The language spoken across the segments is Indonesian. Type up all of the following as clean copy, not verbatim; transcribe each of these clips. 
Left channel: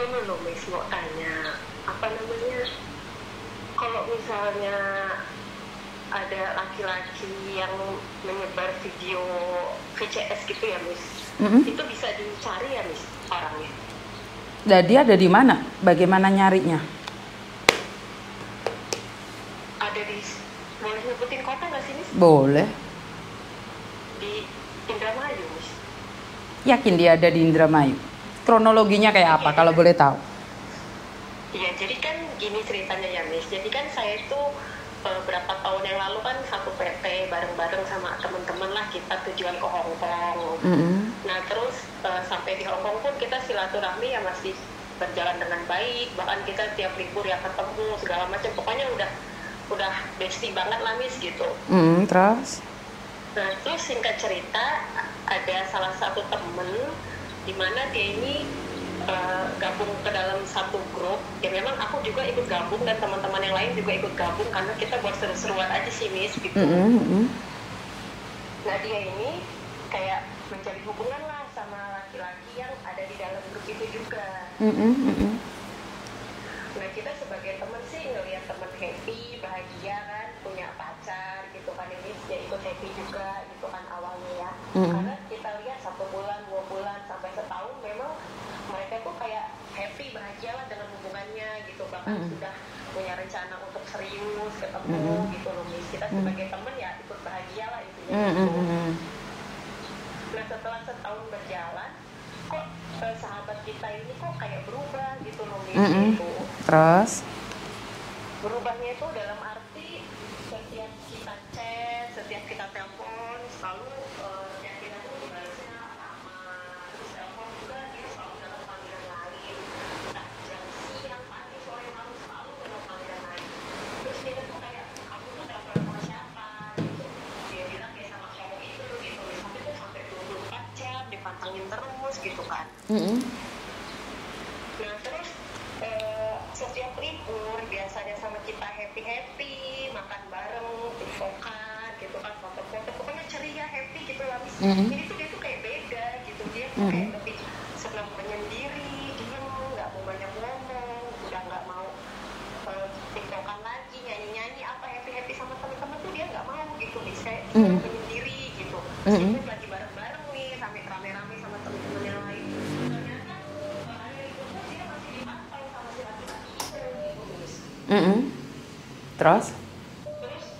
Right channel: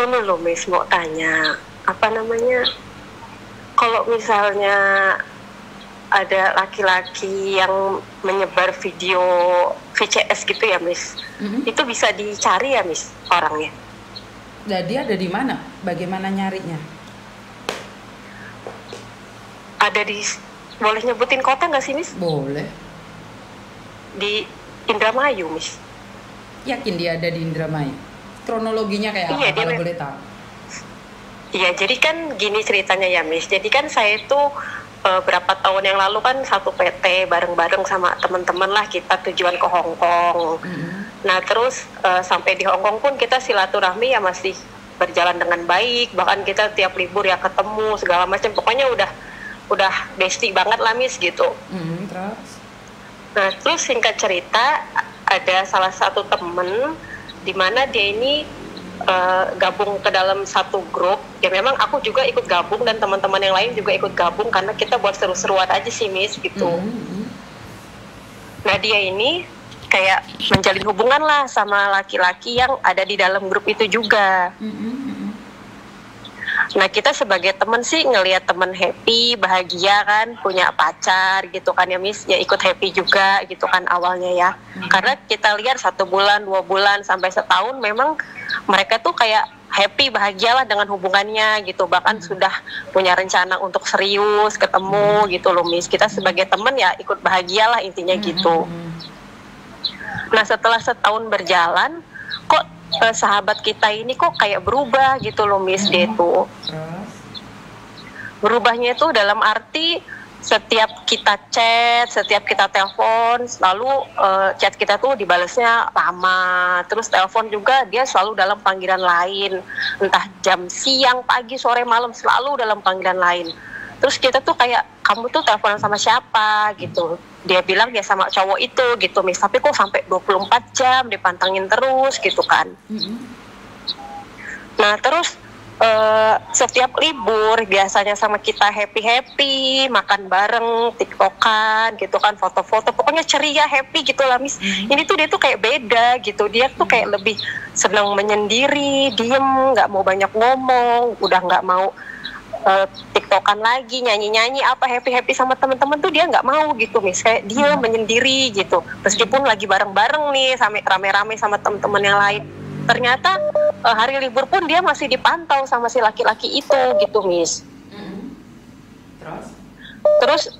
ini loh Miss, mau tanya apa namanya, kalau misalnya ada laki-laki yang menyebar video VCS gitu ya Miss, itu bisa dicari ya Miss orangnya? Jadi ada di mana? Bagaimana nyarinya? Ada di, boleh nyebutin kota nggak sih Miss? Boleh. Di Indramayu Miss. Yakin dia ada di Indramayu? Kronologinya kayak apa kalau boleh tahu? Iya, jadi kan gini ceritanya ya Miss. Jadi kan saya itu berapa tahun yang lalu kan satu PT bareng-bareng sama teman-teman lah, kita tujuan ke Hong Kong. Nah terus sampai di Hong Kong pun kita silaturahmi ya masih berjalan dengan baik. Bahkan kita tiap libur ya ketemu segala macam. Pokoknya udah bestie banget lah Miss gitu. Terus? Nah terus singkat cerita, ada salah satu temen di mana dia ini gabung ke dalam satu grup. Ya memang aku juga ikut gabung dan teman-teman yang lain juga ikut gabung karena kita buat seru-seruan aja sih Miss gitu. Nah dia ini kayak menjalin hubungan lah sama laki-laki yang ada di dalam grup itu juga. Nah kita sebagai temen sih ngelihat temen happy, bahagia kan, punya pacar gitu kan ya Miss, ya ikut happy juga gitu kan awalnya ya. Karena kita lihat 1 bulan, 2 bulan, sampai setahun memang mereka tuh kayak happy, bahagialah dengan hubungannya gitu. Bahkan sudah punya rencana untuk serius, ketemu gitu loh Miss. Kita sebagai temen ya ikut bahagialah intinya gitu. Nah setelah setahun berjalan, kok sahabat kita ini kok kayak berubah gitu loh Miss. Dia tuh Terus? berubahnya itu dalam arti setiap kita chat, setiap kita telepon, selalu chat kita tuh dibalesnya lama. Terus telepon juga dia selalu dalam panggilan lain, entah jam siang, pagi, sore, malam, selalu dalam panggilan lain. Terus kita tuh kayak, kamu tuh teleponan sama siapa gitu. Dia bilang ya sama cowok itu gitu Miss, tapi kok sampai 24 jam dipantengin terus gitu kan. Nah terus setiap libur biasanya sama kita happy-happy, makan bareng, tiktokan gitu kan, foto-foto, pokoknya ceria, happy gitu lah Miss. Ini tuh dia tuh kayak beda gitu, dia tuh kayak lebih senang menyendiri, diem, nggak mau banyak ngomong, udah nggak mau tiktokan lagi, nyanyi-nyanyi apa, happy-happy sama teman-teman tuh dia nggak mau gitu Miss, kayak dia menyendiri gitu. Meskipun lagi bareng-bareng nih, sama rame-rame sama teman-teman yang lain, ternyata hari libur pun dia masih dipantau sama si laki-laki itu gitu Miss. Terus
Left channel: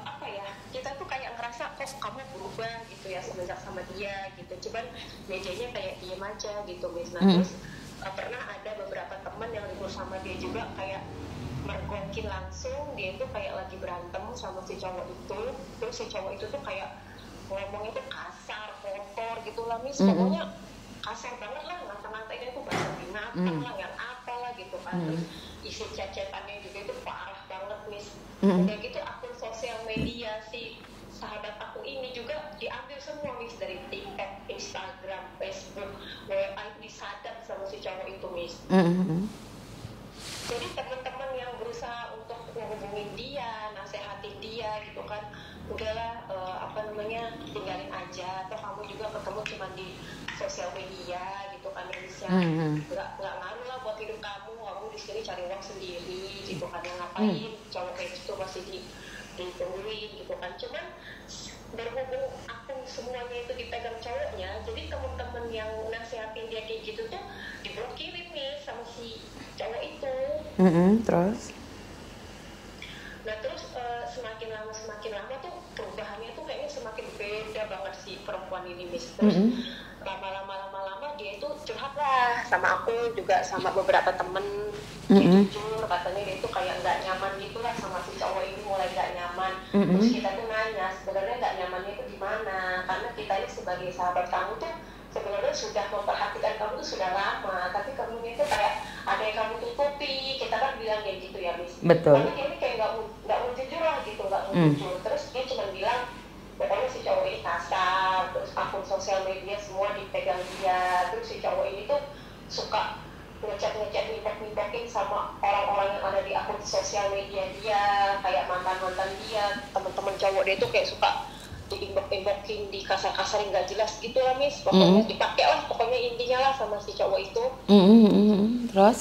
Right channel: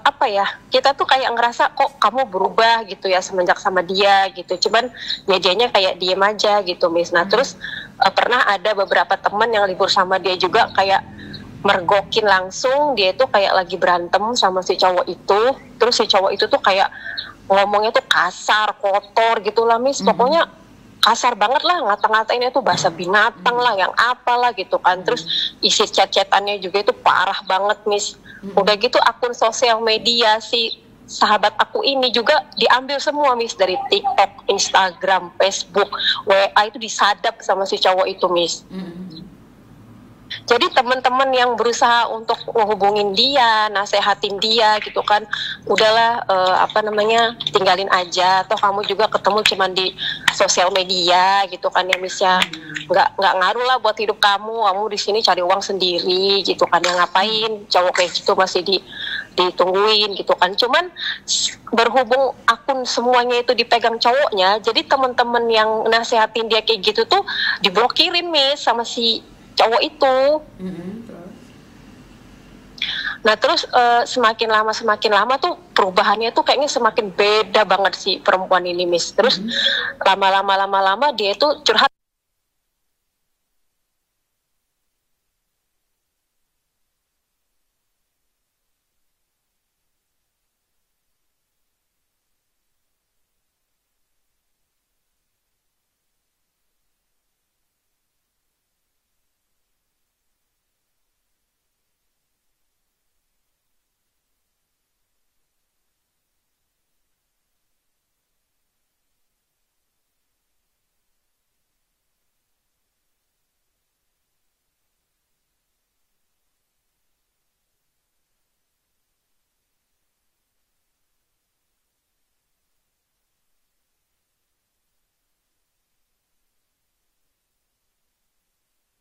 apa ya, kita tuh kayak ngerasa kok kamu berubah gitu ya semenjak sama dia gitu. Cuman ya dianya kayak diem aja gitu Miss. Nah terus pernah ada beberapa teman yang libur sama dia juga kayak mergokin langsung, dia itu kayak lagi berantem sama si cowok itu. Terus si cowok itu tuh kayak ngomongnya tuh kasar, kotor gitu lah Miss. Pokoknya kasar banget lah, ngata-ngatainnya tuh bahasa binatang lah, yang apalah gitu kan. Terus isi chat-chatannya juga itu parah banget Miss. Udah gitu akun sosial media si sahabat aku ini juga diambil semua Miss, dari TikTok, Instagram, Facebook, WA itu disadap sama si cowok itu Miss. Jadi teman-teman yang berusaha untuk menghubungin dia, nasehatin dia gitu kan, udahlah tinggalin aja, toh kamu juga ketemu cuman di sosial media gitu kan ya Miss ya, nggak ngaruh lah buat hidup kamu di sini cari uang sendiri gitu kan, yang ngapain cowok kayak gitu masih ditungguin gitu kan. Cuman berhubung akun semuanya itu dipegang cowoknya, jadi teman-teman yang nasehatin dia kayak gitu tuh diblokirin Miss sama si cowok itu. Terus? Nah terus semakin lama tuh perubahannya tuh kayaknya semakin beda banget si perempuan ini Miss. Terus lama-lama dia tuh curhat lah sama aku juga, sama beberapa temen. Jujur katanya dia tuh kayak nggak nyaman gitu lah sama si cowok ini, mulai nggak nyaman. Terus kita tuh nanya sebenarnya nggak nyamannya itu di mana, karena kita ini sebagai sahabat kamu tuh sebenarnya sudah memperhatikan kamu tuh sudah lama, tapi kamu itu kayak ada yang kamu tutupi. Kita kan bilang kayak gitu ya Miss. Betul. Tapi dia ini kayak nggak mau jujur lah gitu, nggak mau jujur. Terus dia cuma bilang pokoknya si cowok ini kasar, terus akun sosial media semua dipegang dia. Terus si cowok ini tuh suka ngechat nimpok-nimpokin sama orang-orang yang ada di akun sosial media dia, kayak mantan dia, teman-teman cowok dia tuh kayak suka diimbok-imbokin, dikasar-kasarin nggak jelas gitu lah Miss, pokoknya dipakai lah pokoknya intinya lah sama si cowok itu. Terus?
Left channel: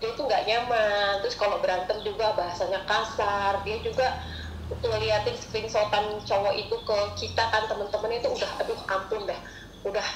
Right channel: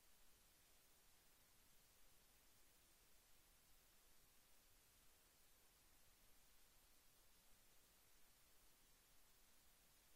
Dia tuh nggak nyaman, terus kalau berantem juga bahasanya kasar, dia juga ngeliatin screenshotan cowok itu ke kita kan temen-temennya itu udah aduh ampun dah, udah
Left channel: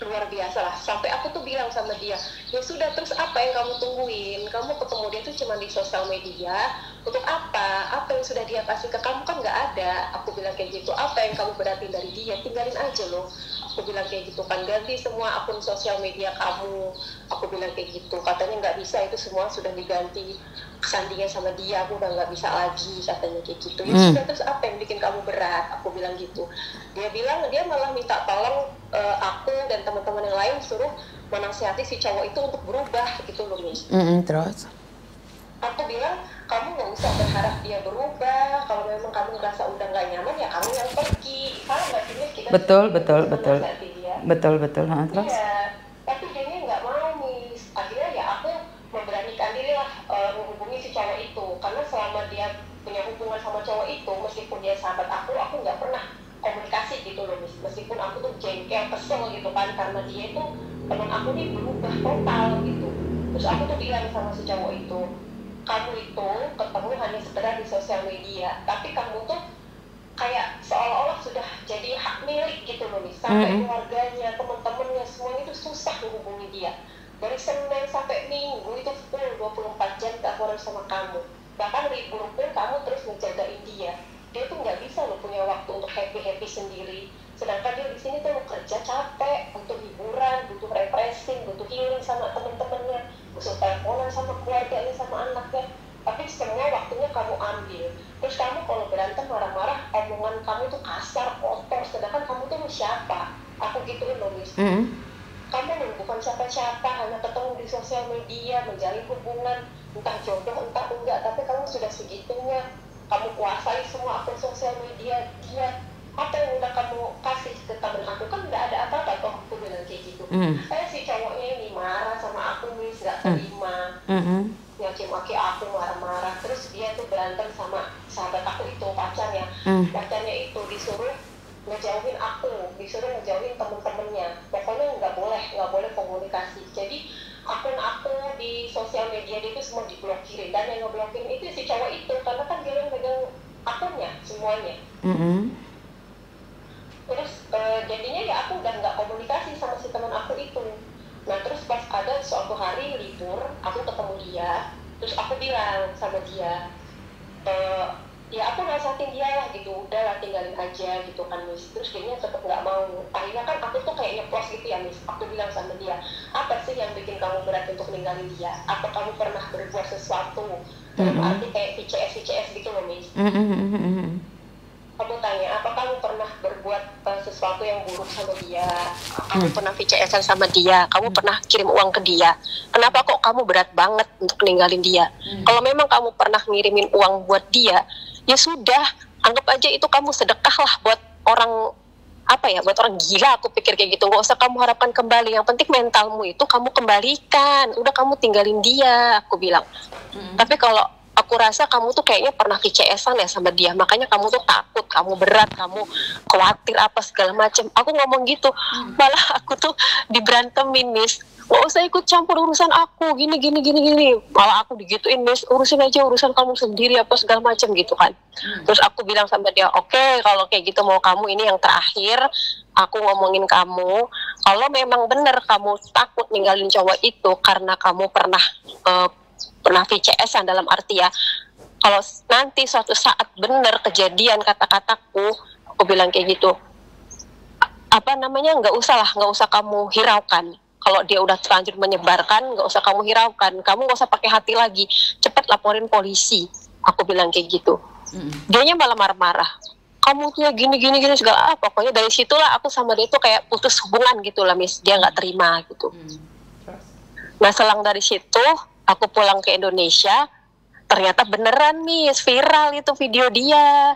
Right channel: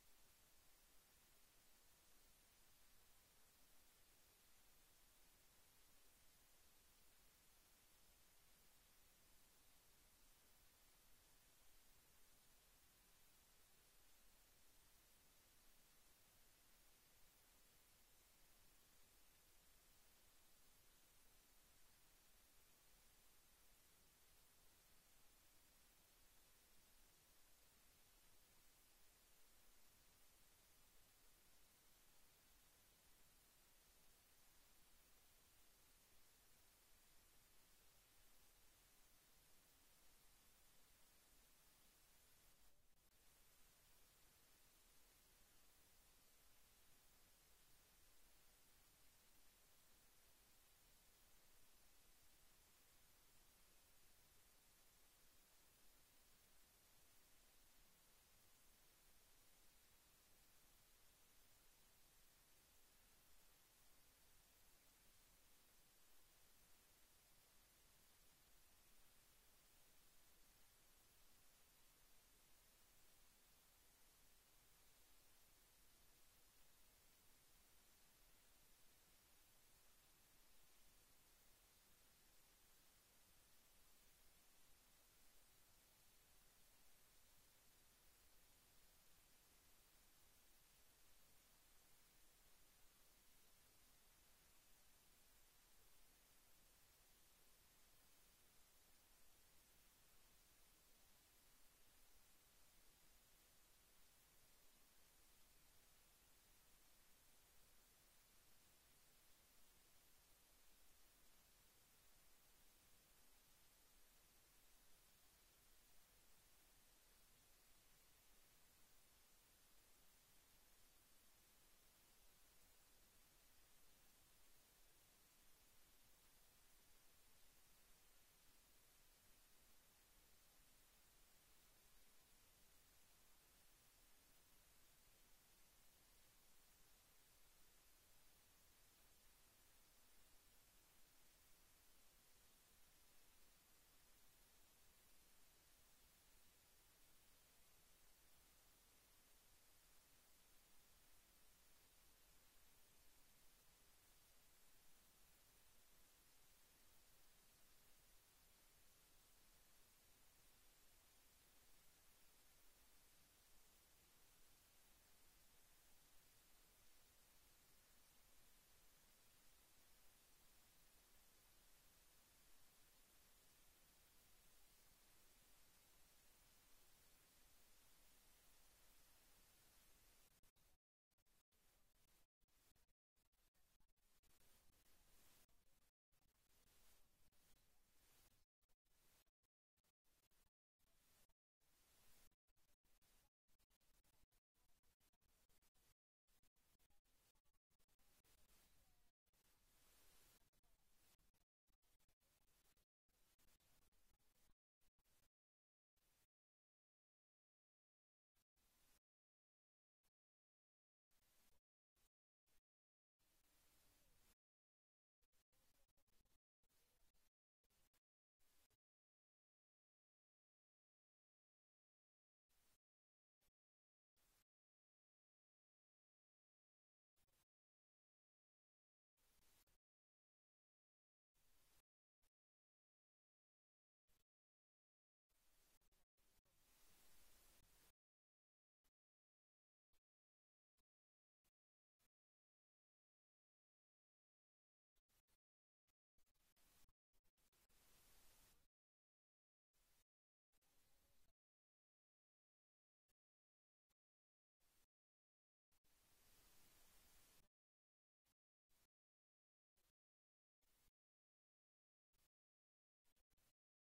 luar biasa lah. Sampai aku tuh bilang sama dia, ya sudah terus apa yang kamu tungguin, kamu ketemu dia tuh cuma di sosial media untuk apa yang sudah dia kasih ke kamu kan nggak ada. Aku bilang kayak gitu, apa yang kamu berarti dari dia, tinggalin aja loh. Aku bilang kayak gitu kan, ganti semua akun sosial media kamu. Aku bilang kayak gitu, katanya nggak bisa, itu semua sudah diganti sandinya sama dia, aku udah nggak bisa lagi katanya kayak gitu. Ya sudah terus apa yang bikin kamu berat, aku bilang gitu. Dia bilang dia malah minta tolong aku dan teman-teman yang lain suruh menasihati si cowok itu untuk berubah gitu loh Miss. Terus? Aku bilang kamu nggak usah berharap dia berubah, kalau memang kamu ngerasa udah nggak nyaman ya kamu yang pergi. Salah nggak sih Miss? Kita Betul. Terus? Iya, tapi dia nggak mau Miss. Akhirnya ya aku memberanikan diri lah menghubungi si cowok itu, karena selama dia punya hubungan sama cowok itu, meskipun dia sahabat aku nggak pernah komunikasi gitu loh Miss. Meskipun aku tuh jengkel, kesel gitu kan, karena dia itu teman aku nih berubah total gitu. Terus aku tuh bilang sama si cowok itu, kamu itu ketemu hanya sekedar di sosial media, tapi kamu tuh kayak seolah-olah sudah jadi hak milik gitu loh Miss. Sampai keluarganya, teman-temannya, semuanya itu susah menghubungi dia. Dari Senin sampai Minggu itu full 24 jam gak harus sama kamu. Bahkan libur pun kamu terus menjagain dia. Dia tuh nggak bisa loh punya waktu untuk happy sendiri. Sedangkan dia di sini tuh kerja capek, butuh hiburan, butuh refreshing, butuh healing sama temen-temennya, butuh teleponan sama keluarganya, sama anaknya. Tapi semua waktunya kamu ambil. Terus kamu kalau berantem marah-marah, omongan kamu tuh kasar, kotor. Sedangkan kamu tuh siapa? Aku gituin loh Miss. Kamu bukan siapa-siapa, hanya ketemu di sosial media, menjalin hubungan, entah jodoh, entah enggak, tapi kamu sudah segitunya. Kamu kuasai semua akun sosial media dia. Apa yang udah kamu kasih ke temen aku kan nggak ada apa-apa toh, aku bilang kayak gitu. Si cowoknya ini marah sama aku Miss, nggak terima. Nyaki-maki aku, marah-marah. Terus dia tuh berantem sama sahabat aku itu, pacarnya. Pacarnya itu disuruh ngejauhin aku, disuruh ngejauhin temen-temennya. Pokoknya nggak boleh komunikasi. Jadi akun aku di sosial media dia itu semua diblokirin, dan yang ngeblokirin itu si cowok itu, karena kan dia yang megang akunnya semuanya. Terus jadinya ya aku udah nggak komunikasi sama si teman aku itu. Nah terus pas ada suatu hari libur, aku ketemu dia, terus aku bilang sama dia, ya aku nasihatin dia lah gitu, udahlah tinggalin aja gitu kan Miss. Terus dia tetap nggak mau. Akhirnya kan aku tuh kayak nyeplos gitu ya Miss. Aku bilang sama dia, apa sih yang bikin kamu berat untuk ninggalin dia? Apa kamu pernah berbuat sesuatu? Dalam arti kayak VCS gitu loh Miss. Kamu tanya, apa kamu pernah berbuat sesuatu yang buruk sama dia? Kamu pernah VCS-an sama dia? Kamu pernah kirim uang ke dia? Kenapa kok kamu berat banget untuk ninggalin dia? Kalau memang kamu pernah ngirimin uang buat dia, ya sudah, anggap aja itu kamu sedekah lah buat orang, buat orang gila. Aku pikir kayak gitu, nggak usah kamu harapkan kembali. Yang penting mentalmu itu kamu kembalikan. Udah, kamu tinggalin dia, aku bilang. Tapi kalau aku rasa kamu tuh kayaknya pernah VCS-an ya sama dia, makanya kamu tuh takut, kamu berat, kamu khawatir apa segala macam. Aku ngomong gitu, malah aku tuh diberantemin Miss. Nggak usah ikut campur urusan aku, gini. Malah aku digituin Miss, urusin aja urusan kamu sendiri apa segala macam gitu kan. Terus aku bilang sama dia, oke, kalau kayak gitu mau kamu, ini yang terakhir aku ngomongin kamu. Kalau memang benar kamu takut ninggalin cowok itu karena kamu pernah VCS-an, dalam arti ya, kalau nanti suatu saat benar kejadian kata-kataku, aku bilang kayak gitu, nggak usah kamu hiraukan. Kalau dia udah terlanjur menyebarkan, nggak usah kamu hiraukan, kamu nggak usah pakai hati lagi, cepat laporin polisi, aku bilang kayak gitu. Dianya malah marah-marah, kamu tuh ya gini segala pokoknya dari situlah aku sama dia tuh kayak putus hubungan gitu lah Miss. Dia nggak terima gitu. Nah selang dari situ aku pulang ke Indonesia, ternyata beneran Miss, viral itu video dia,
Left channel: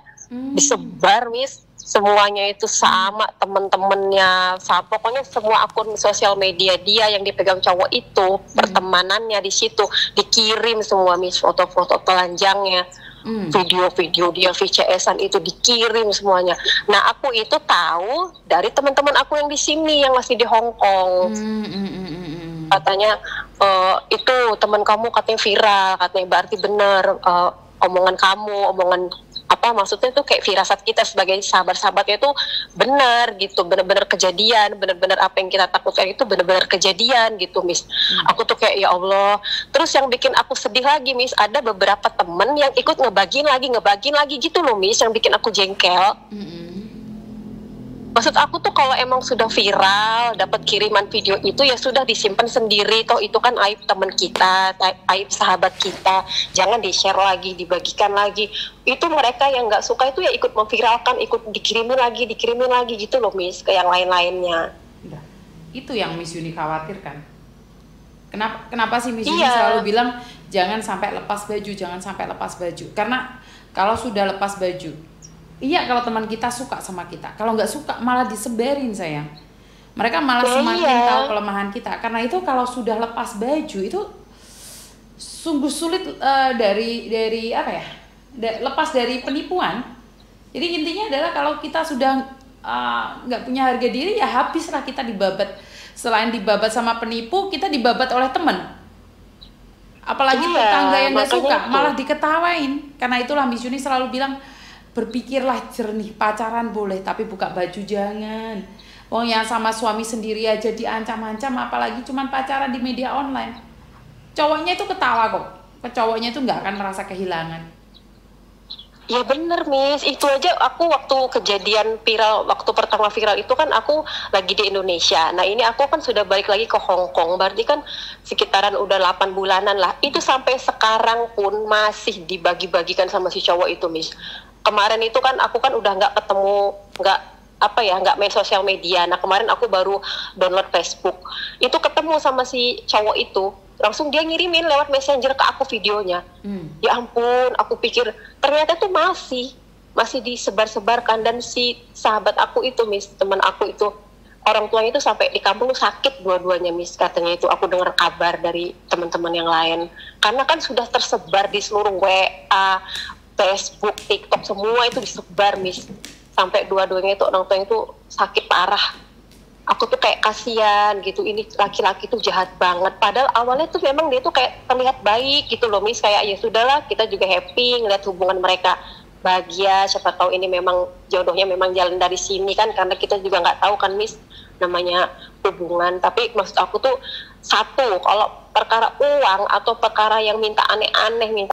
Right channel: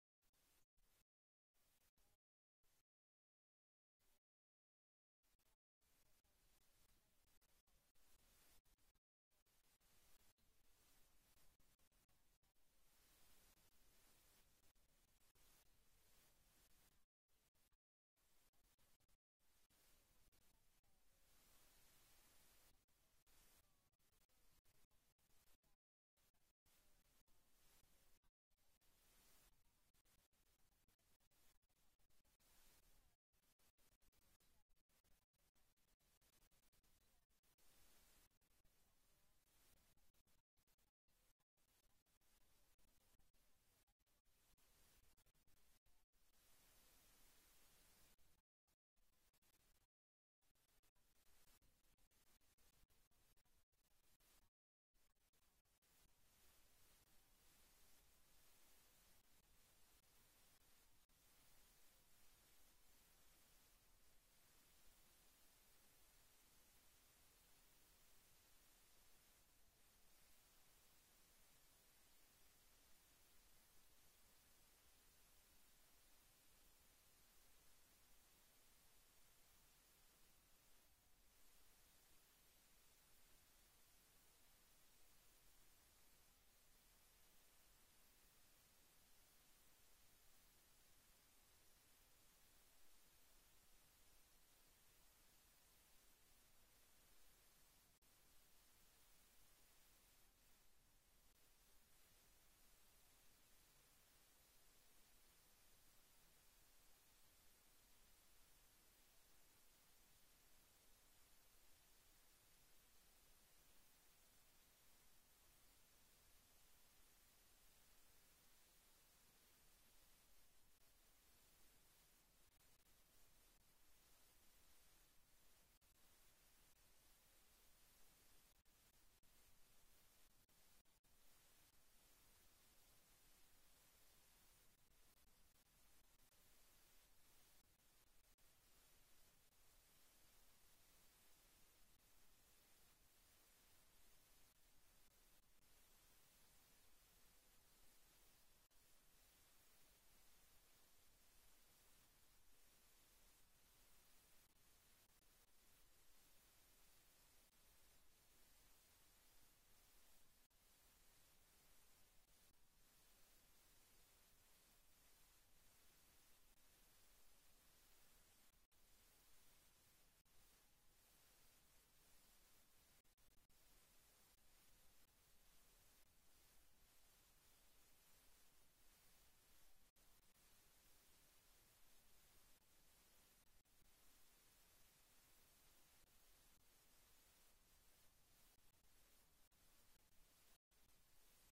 disebar Miss, semuanya itu sama temen-temennya, pokoknya semua akun sosial media dia yang dipegang cowok itu, pertemanannya di situ dikirim semua Miss, foto-foto telanjangnya. Video-video dia VCS-an itu dikirim semuanya. Nah, aku itu tahu dari teman-teman aku yang di sini yang masih di Hong Kong. Katanya itu teman kamu katanya viral, katanya berarti benar omongan kamu, omongan apa maksudnya itu kayak firasat kita sebagai sahabat-sahabatnya itu benar gitu, benar-benar kejadian, benar-benar apa yang kita takutkan itu benar-benar kejadian gitu, Miss. Aku tuh kayak ya Allah. Terus yang bikin aku sedih lagi, Miss, ada beberapa temen yang ikut ngebagiin lagi gitu loh, Miss, yang bikin aku jengkel. Maksud aku tuh kalau emang sudah viral, dapat kiriman video itu ya sudah disimpan sendiri. Toh itu kan aib teman kita, aib sahabat kita. Jangan di-share lagi, dibagikan lagi. Itu mereka yang nggak suka itu ya ikut memviralkan, ikut dikirimin lagi gitu loh, Miss, ke yang lain-lainnya. Itu yang Miss Yuni khawatirkan. Kenapa sih Miss Yuni selalu bilang jangan sampai lepas baju? Karena kalau sudah lepas baju, iya, kalau teman kita suka sama kita, kalau nggak suka malah disebarin sayang. Mereka malah semakin tahu kelemahan kita. Karena itu kalau sudah lepas baju itu sungguh sulit dari apa ya? Lepas dari penipuan. Jadi intinya adalah kalau kita sudah nggak punya harga diri ya habislah kita dibabat. Selain dibabat sama penipu, kita dibabat oleh teman. Apalagi tetangga yang nggak suka malah diketawain. Karena itulah Miss Yuni selalu bilang, berpikirlah jernih, pacaran boleh tapi buka baju jangan. Wong yang sama suami sendiri aja diancam-ancam, apalagi cuman pacaran di media online. Cowoknya itu ketawa kok, cowoknya itu nggak akan merasa kehilangan. Ya bener, Miss, itu aja aku waktu kejadian viral, waktu pertama viral itu kan aku lagi di Indonesia. Nah ini aku kan sudah balik lagi ke Hong Kong, berarti kan sekitaran udah 8 bulanan lah. Itu sampai sekarang pun masih dibagi-bagikan sama si cowok itu, Miss. Kemarin itu kan aku kan udah nggak ketemu, nggak main sosial media. Nah kemarin aku baru download Facebook. Itu ketemu sama si cowok itu, langsung dia ngirimin lewat messenger ke aku videonya. Ya ampun, aku pikir ternyata tuh masih disebar-sebarkan. Dan si sahabat aku itu, Miss, teman aku itu, orang tuanya itu sampai di kampung sakit dua-duanya, Miss, katanya itu. Aku dengar kabar dari teman-teman yang lain. Karena kan sudah tersebar di seluruh WA, Facebook, TikTok, semua itu disebar, Miss. Sampai dua-duanya itu orang tuanya itu sakit parah. Aku tuh kayak kasihan gitu, ini laki-laki tuh jahat banget. Padahal awalnya tuh memang dia tuh kayak terlihat baik gitu loh, Miss. Kayak ya sudahlah, kita juga happy ngeliat hubungan mereka bahagia. Siapa tahu ini memang jodohnya memang jalan dari sini kan, karena kita juga nggak tahu kan, Miss, namanya hubungan. Tapi maksud aku tuh satu, kalau perkara uang atau perkara yang minta aneh-aneh, minta